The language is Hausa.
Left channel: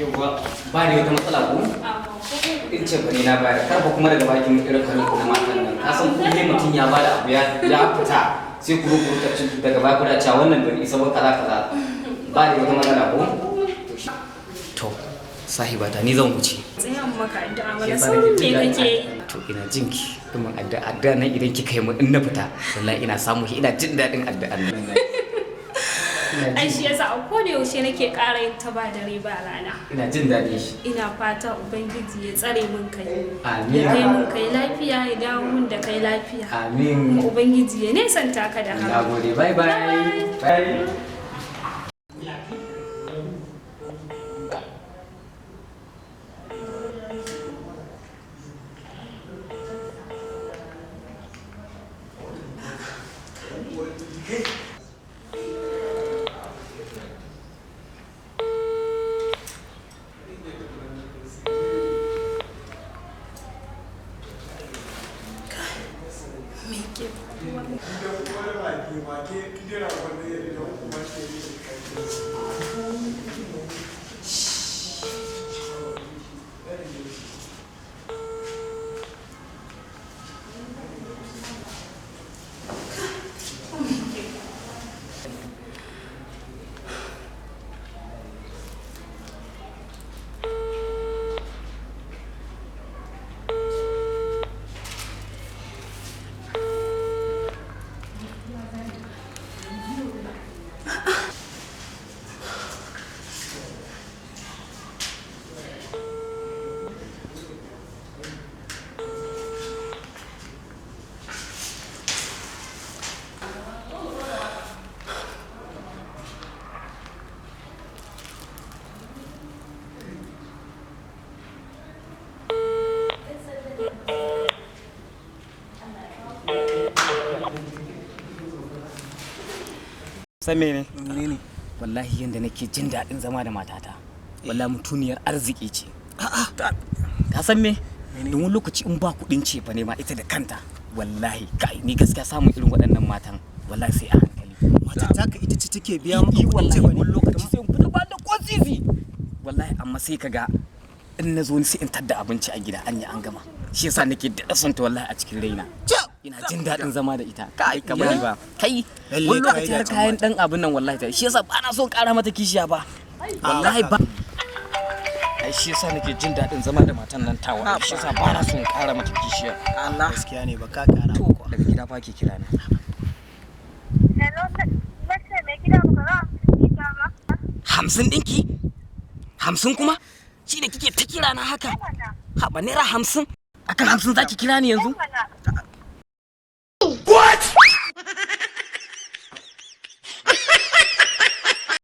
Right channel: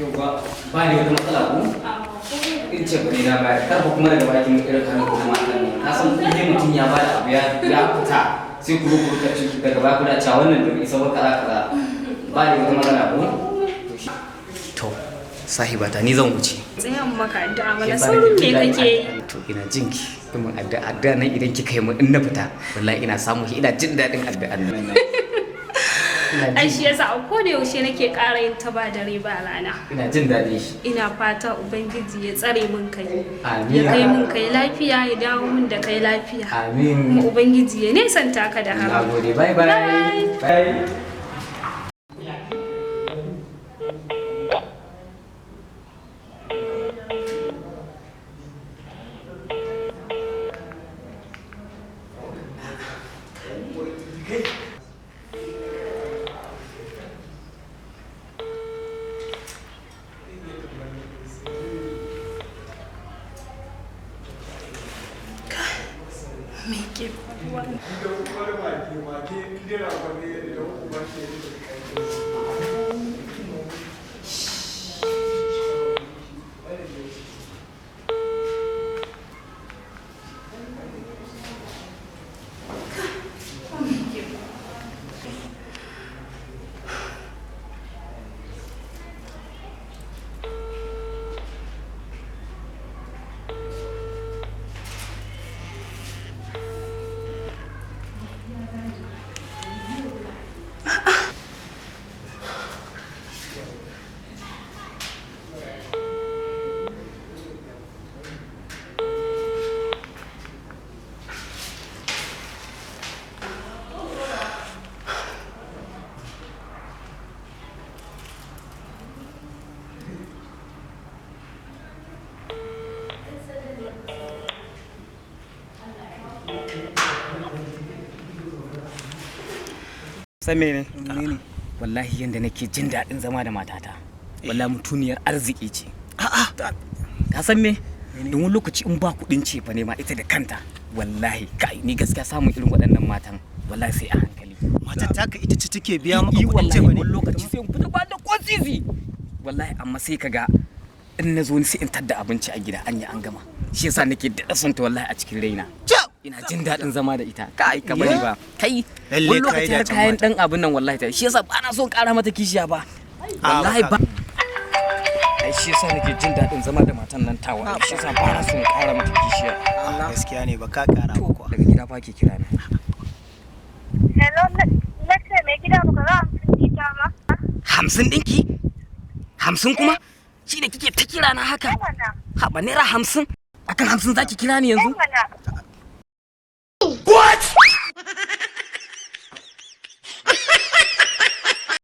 Yau ba ni wata matsala ko? In ce ba ne na bayar, kar ba kuma daga bakin irin karin ku na matan nan. Ka san kullum mutum ya bada abu ya fita sai ku rubuta daga baya kuna cewa wannan bai isa ba kaza. Ba ni wata matsala ko? To, sahibata ni zan wuce. Tsayan maka addu'a mana saurin me kake yi? To ina jinki. Kuma addu'a nan idan kika yi mu in na fita, wallahi ina samu ina jin daɗin addu'an nan. Ai shi yasa a koda yaushe nake ƙara yin ta ba dare ba rana. Ina jin daɗi shi. Ina fata Ubangiji ya tsare min kai. Amin. Ya kai min kai lafiya ya dawo min da kai lafiya. Amin. Kuma Ubangiji ya nesanta ka da haram. Nagode, bye bye. Bye. San mene? Wallahi yanda nake jin daɗin zama da matata. Wallahi mutuniyar arziki ce. Ka san me? Don wani lokaci in ba kuɗin ce fa ne ma ita da kanta. Wallahi kai ni gaskiya samun irin waɗannan matan wallahi sai a hankali. Matar taka ita ce take biya maka kuɗin ce ba ne? Wani lokaci sai in fita ba da ko sisi. Wallahi amma sai kaga in na zo ni sai in tadda abinci a gida an yi an gama. Shi yasa nake daɗa son ta wallahi a cikin raina. Ina jin daɗin zama da ita. Kai ka bari ba. Kai wani lokaci har kayan ɗan abin nan wallahi ta. Shi yasa ba na son ƙara mata kishiya ba. Wallahi ba. Ai shi yasa nake jin daɗin zama da matan nan tawa. Shi yasa ba na son ƙara mata kishiya. Allah gaskiya ne ba ka ƙara to daga gida fa ke kira na. Hello, na ce mai gida ba ka ga 50 ɗita ba? 50 ɗinki? 50 kuma? Shi da kike ta kira na haka? Haɓa naira 50? Akan 50 zaki kira ni yanzu?